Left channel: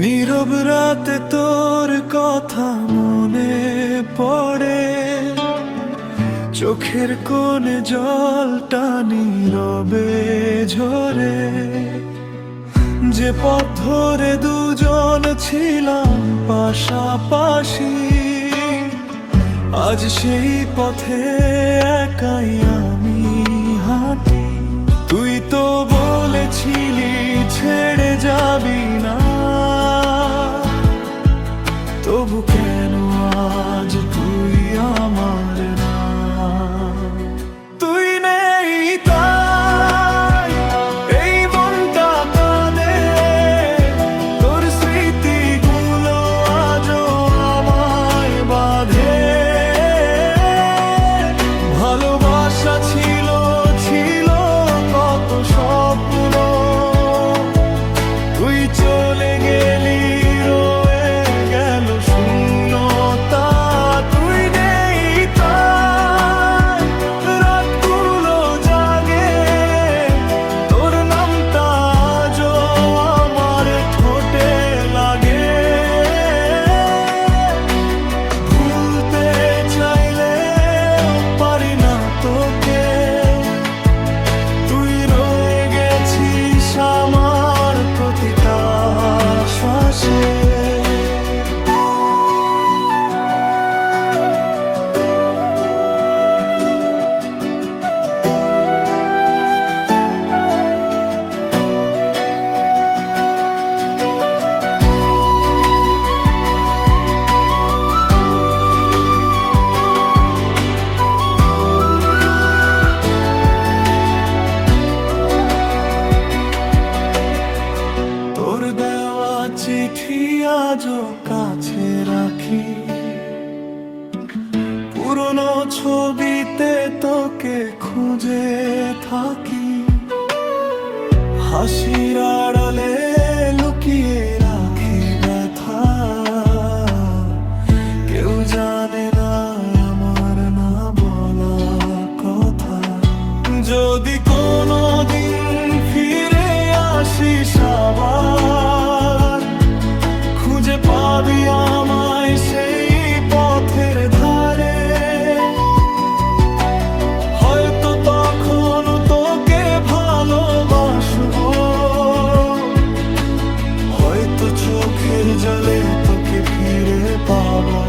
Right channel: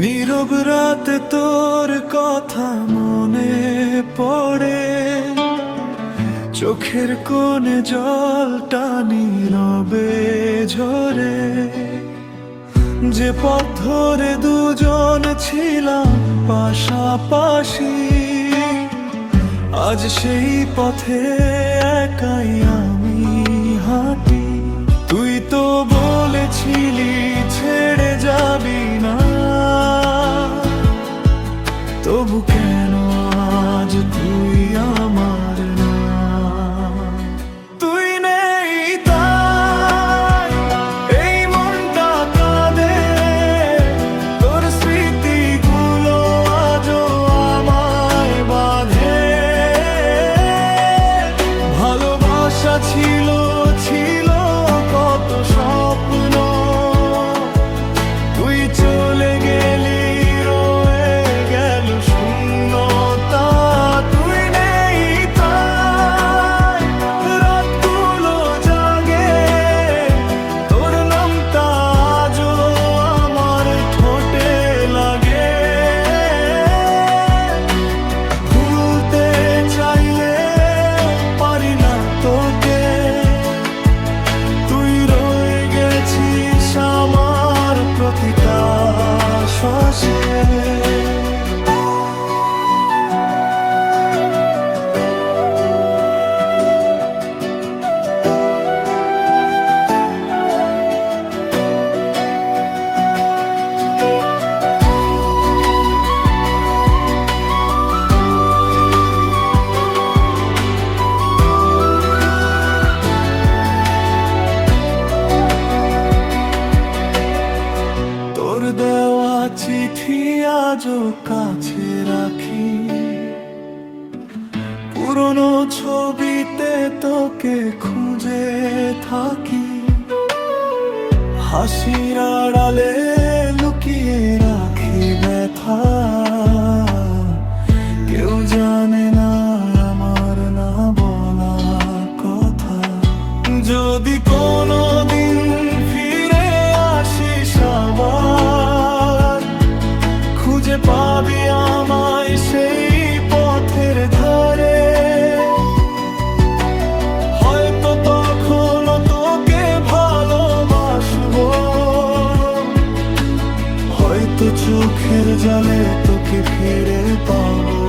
নীরব রাতে তোর কথা মনে পড়ে, চোখের কোণে জলটা নীরবে ঝরে। যে পথ ধরে দুজন ছিলাম পাশাপাশি, আজ সেই পথে একাই আমি হাঁটি। তুই তো বলেছিলি ছেড়ে যাবি না, তবু কেন আজ তুই আমার না? তুই নেই তাই এই মনটা কাঁদে, তোর স্মৃতিগুলো আজও আমায় বাঁধে। ভালোবাসা ছিল ছিল কত স্বপ্ন, তুই চলে গেলি রয়ে গেল শূন্যতা। তুই নেই তাই রাতগুলো জাগে, তোর নামটা আজও আমার ঠোঁটে লাগে। ভুলতে চাইলেও পারি না তোকে, তুই রয়ে গেছিস আমার প্রতিটা শ্বাসে। তোর দেওয়া চিঠি আজও কাছে রাখি, পুরনো ছবিতে তোকে খুঁজে থাকি। হাসির আড়ালে লুকিয়ে রাখি ব্যথা, কেউ জানে না আমার না বলা কথা। যদি কোনোদিন ফিরে আসিস আবার, খুঁজে পাবি আমায় সেই পথের ধারে। হয়তো তখন তোকে ভালোবাসবো, হয়তো চোখের জলে তোকে ফিরে পাবো।